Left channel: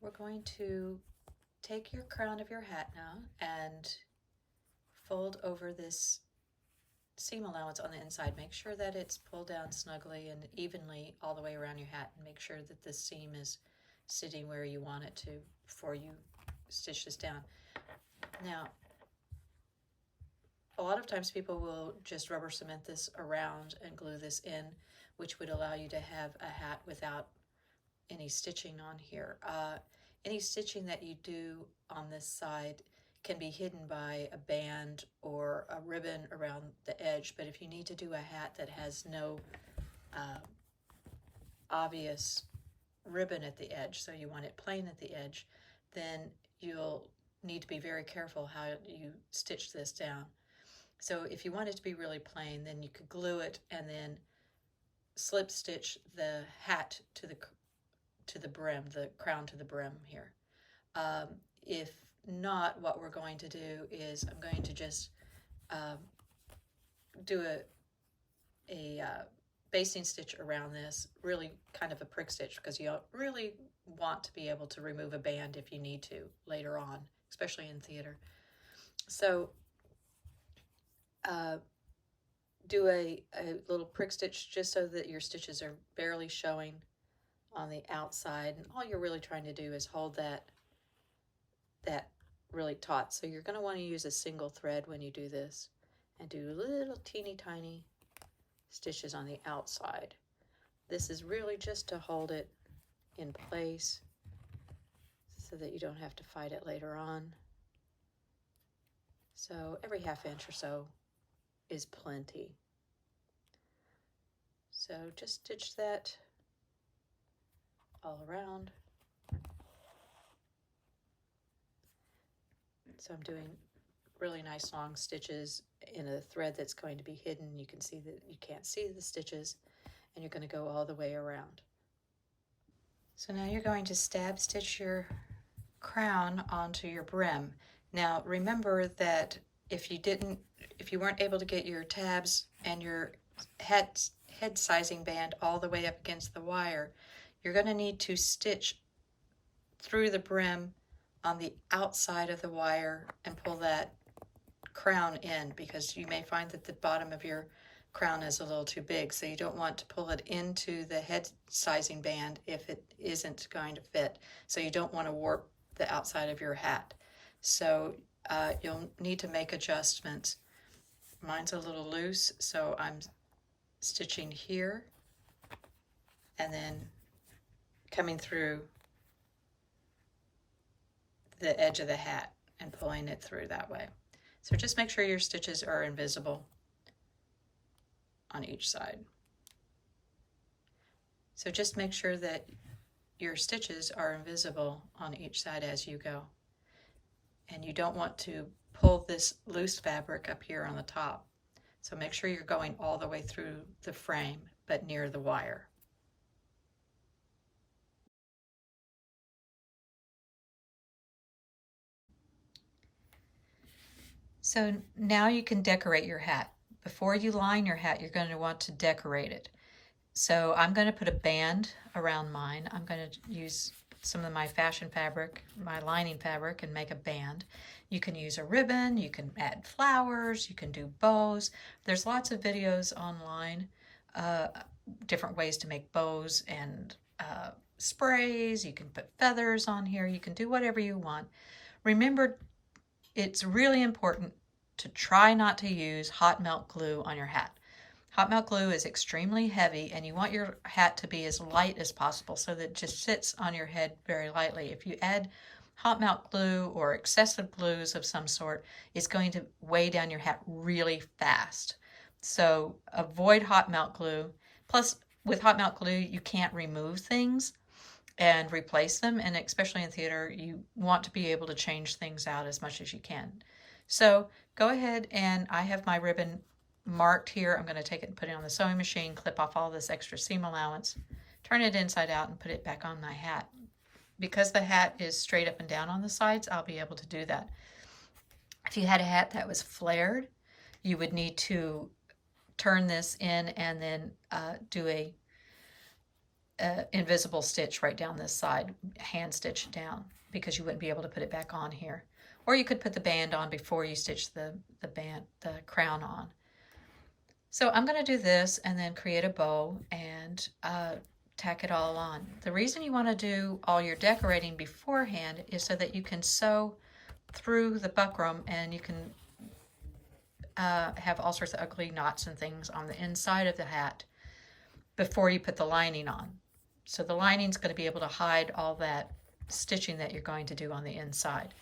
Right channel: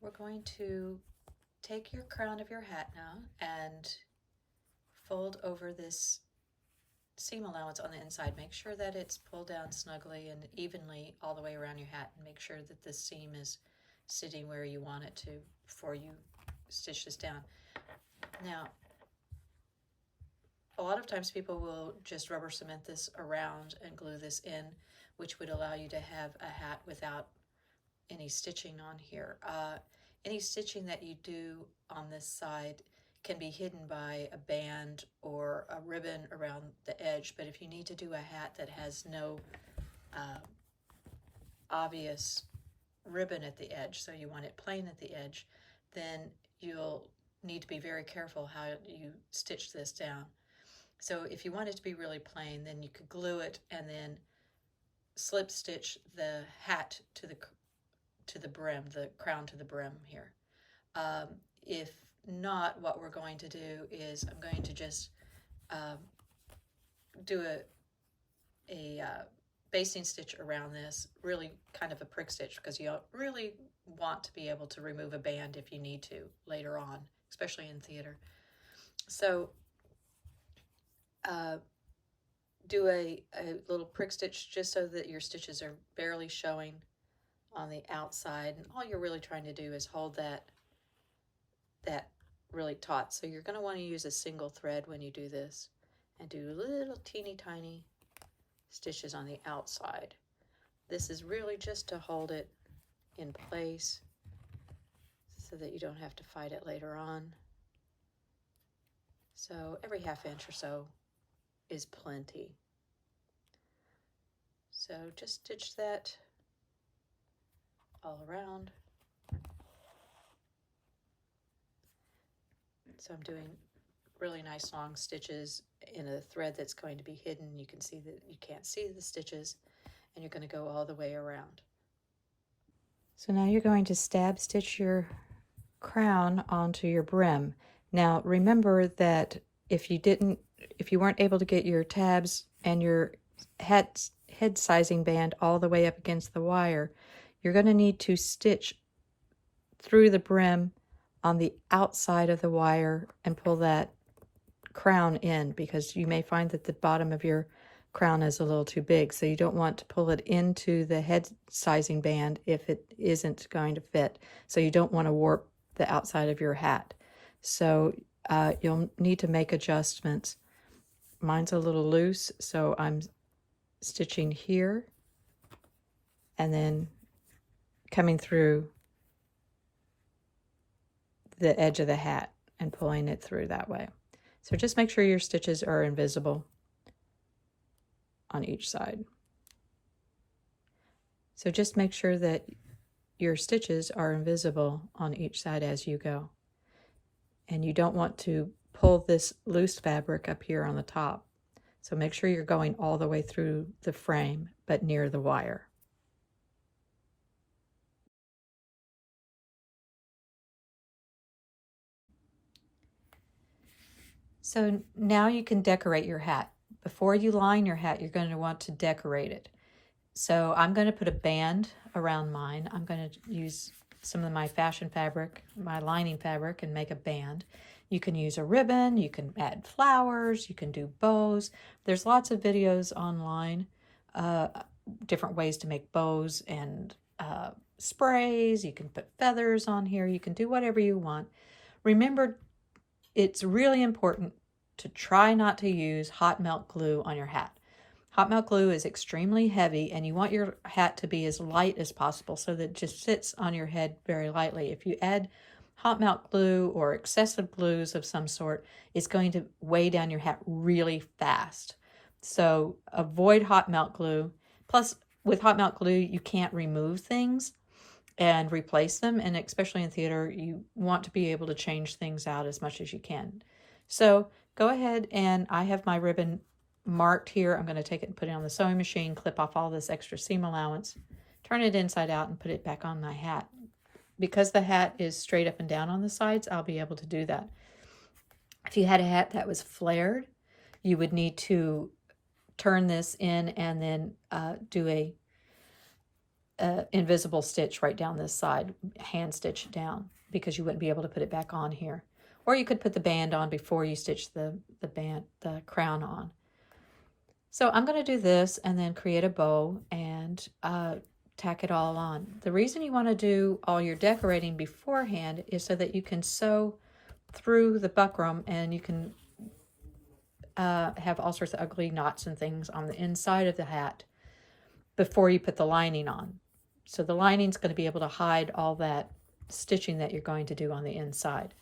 we're going to take your crown of your hat now and fold over this seam allowance on the inside. Make sure that it's pulled down snugly and evenly all the way around your hat, and make sure that the seam is sitting where you want it to before you stitch this down. Now, a lot of times people will just rubber cement this around and glue this in, which would allow you to have a hat without any stitching on here. Any stitching that you do on this side can be hidden by a band or a ribbon around the edge, but if you need to do a hat that has no obvious ribbon at the edge, so you want it plain at the edge, then you'll need to be very careful how you stitch this down. So if you want it to be really plain, then you could glue it and then slip stitch the hat to the brim, the crown to the brim here. If not, what we're going to do is I'm going to just do a basting stitch around this, really kind of a prick stitch, because you really want to be able to remove a band if you need to later on, especially in theater. So do a little prick stitch just so that your stitches are barely showing on the outside, and all you're really trying to do is hold that really taut. So you're going to want to use a single thread when you do this, and do little teeny tiny stitches on the outside. This is really just to hold it in place so that you don't have to fight it later on. So every ½ inch or so is plenty. So just stitch that all around. So I'm doing really nice long stitches in a thread that's going to be hidden. You can see that you can't see the stitches, and you're going to go all the way around. So now you're going to stab stitch your crown onto your brim. Now remember that if you weren't able to get your tabs and your head sizing band all the way up against the wire, you're going to need to stitch through the brim on the outside of the wire and pull that crown in, because you may find that the bottom of your crown is a little too big, so you don't want to pull it into the head sizing band if it isn't going to fit. So you don't want to warp the outside of your hat. So you'll need to make adjustments. Mine's a little loose, so I'm stitching here and then coming through the edge of the hat and pulling it through that way. So just make sure your stitches are invisible on each side. So just make sure that your stitches are invisible on each side as you go. And you don't want to pull this loose fabric up here on the top. So make sure you're going all the way through the frame, but near the wire. So now you can decorate your hat. Before you line your hat, you're going to want to decorate it. So I'm going to put a band around mine. I'm going to use some of my fashion fabric, my lining fabric, and make a band. You can use a ribbon, you can add flowers, you can do bows. There's lots of videos online, different ways to make bows and sprays. You can put feathers on here. You can do whatever you want. Remember, it's really important to try not to use hot melt glue on your hat. Hot melt glue is extremely heavy, and you want your hat to be as light as possible so that it just sits on your head very lightly. If you add hot melt glue or excessive glues of some sort, it's going to weigh down your hat really fast. So avoid hot melt glue. Plus, with hot melt glue, you can't remove things and replace them, and especially in theater, you want to be able to change things out as much as you can. So go ahead, and I have my ribbon marked here. I'm going to take it and put it on the sewing machine, clip off all this extra seam allowance, turn it inside out, and put it back on my hat. Because the hat is straight up and down on the sides, I'll be able to do that. If you had a hat that was flared, you would need to turn this in and then do invisible stitch right down this side, hand stitch it down, because you wouldn't be able to put it back on here. Or you could put the band on before you stitch the crown on. So I'm going to do this and then create a bow and tack it all on. The reason you want to do all your decorating beforehand is so that you can sew through the buckram and you can have all sorts of ugly knots and things on the inside of the hat before you put the lining on. So the lining's going to be able to hide all that stitching that you're going to do on the inside.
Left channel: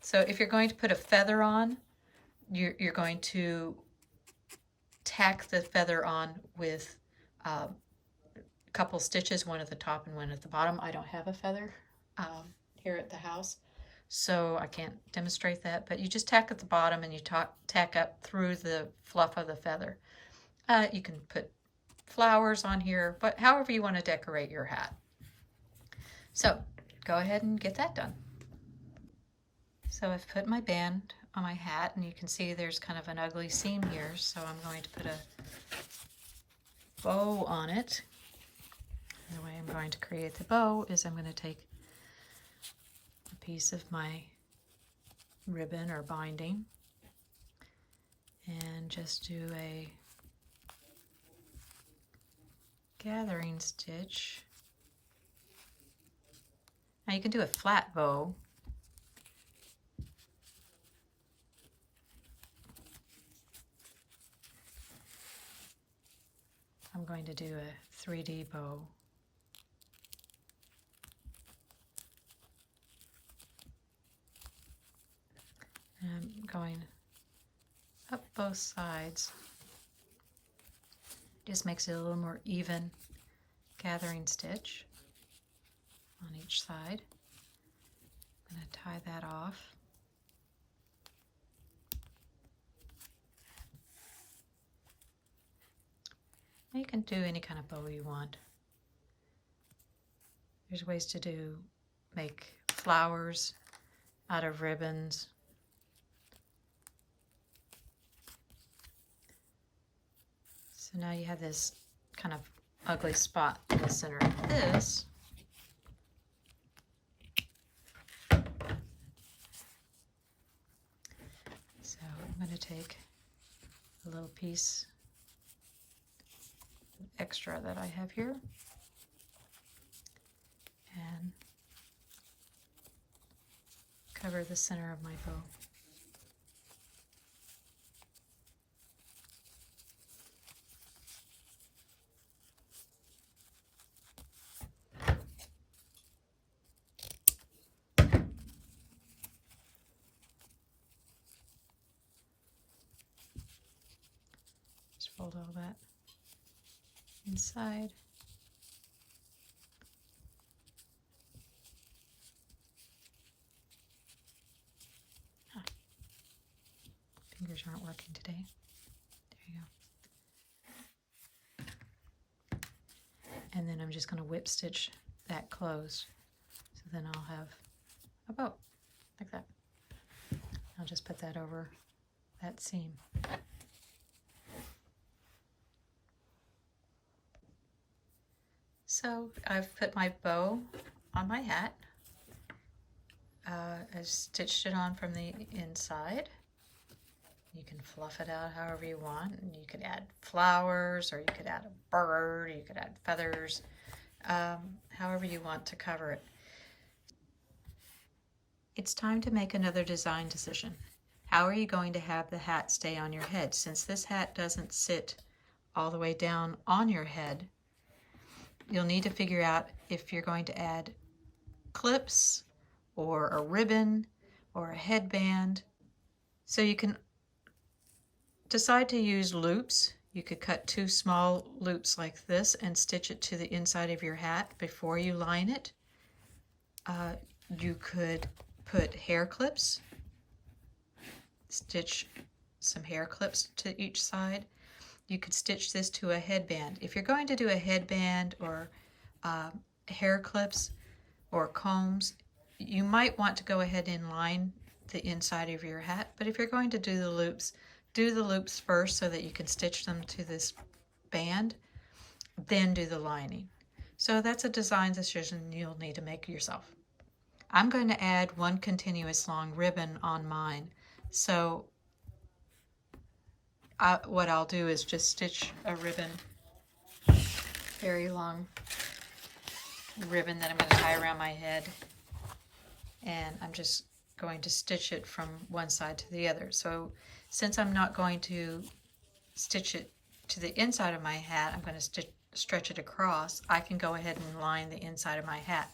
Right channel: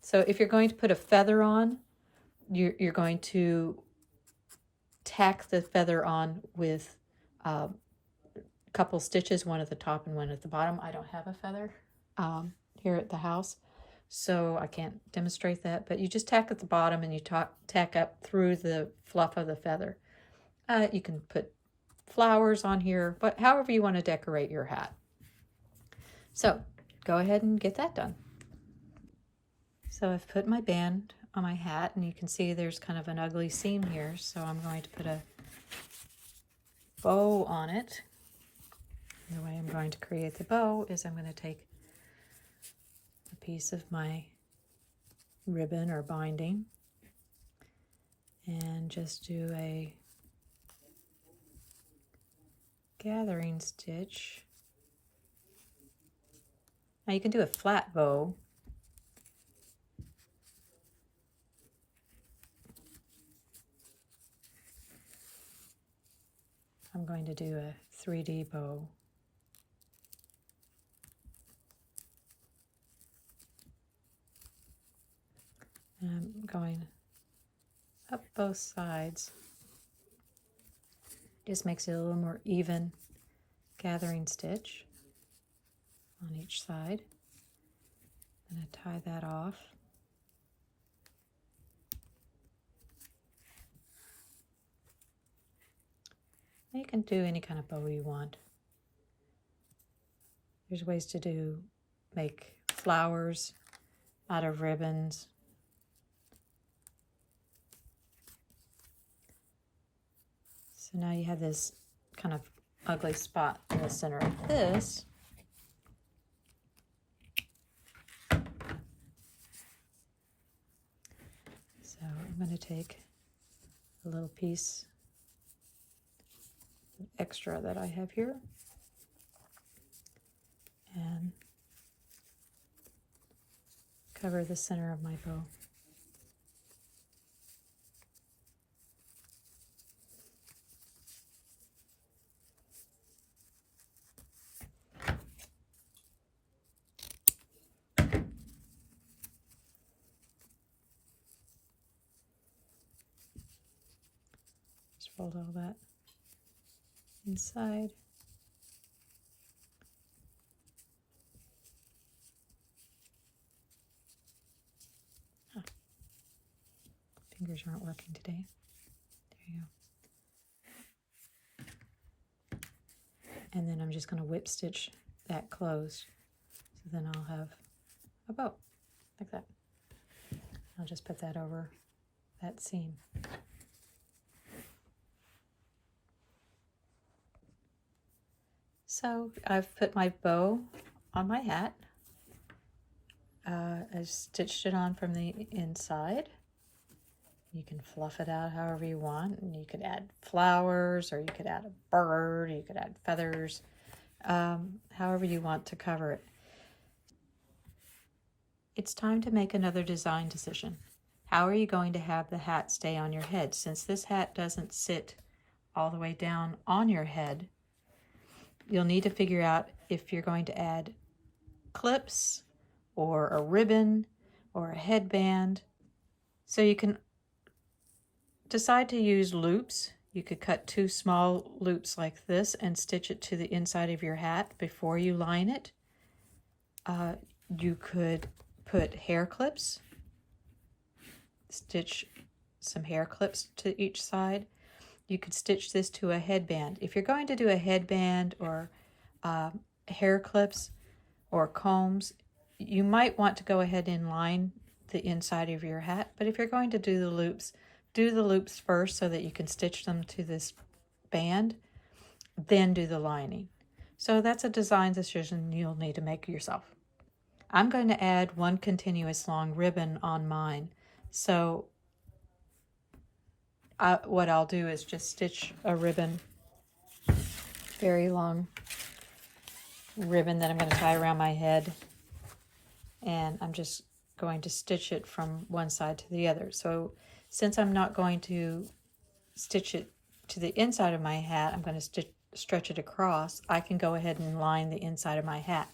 So if you're going to put a feather on, you're going to tack the feather on with a couple stitches, one at the top and one at the bottom. I don't have a feather here at the house, so I can't demonstrate that, but you just tack at the bottom and you tack up through the fluff of the feather. You can put flowers on here, but however you want to decorate your hat. So go ahead and get that done. So I've put my band on my hat, and you can see there's kind of an ugly seam here, so I'm going to put a bow on it. And the way I'm going to create the bow is I'm going to take a piece of my ribbon or binding and just do a gathering stitch. Now you can do a flat bow. I'm going to do a 3D bow. And I'm going up both sides. Just makes it a little more even gathering stitch on each side. I'm going to tie that off. You can do any kind of bow you want. There's ways to make flowers out of ribbons. So now you have this kind of ugly spot in the center of this. So I'm going to take a little piece extra that I have here and cover the center of my bow. Just fold all that inside. Fingers aren't working today. There you go. And then I'm just going to whip stitch that closed. So then I'll have a bow like that. I'll just put that over that seam. So I've put my bow on my hat. I stitched it on from the inside. You can fluff it out however you want, and you could add flowers, or you could add a bird, or you could add feathers, however you want to cover it. It's time to make another design decision. How are you going to have the hat stay on your head? Since this hat doesn't sit all the way down on your head, you'll need to figure out if you're going to add clips or a ribbon or a headband. So you can decide to use loops. You could cut 2 small loops like this and stitch it to the inside of your hat before you line it. You could put hair clips, stitch some hair clips to each side. You could stitch this to a headband. If you're going to do a headband or hair clips or combs, you might want to go ahead and line the inside of your hat. But if you're going to do the loops first so that you can stitch them to this band, then do the lining. So that's a design decision you'll need to make yourself. I'm going to add one continuous long ribbon on mine. So what I'll do is just stitch a ribbon, very long ribbon that I'm going to tie around my head. And I'm just going to stitch it from one side to the other. So since I'm not going to stitch it to the inside of my hat, I'm going to stretch it across. I can go ahead and line the inside of my hat.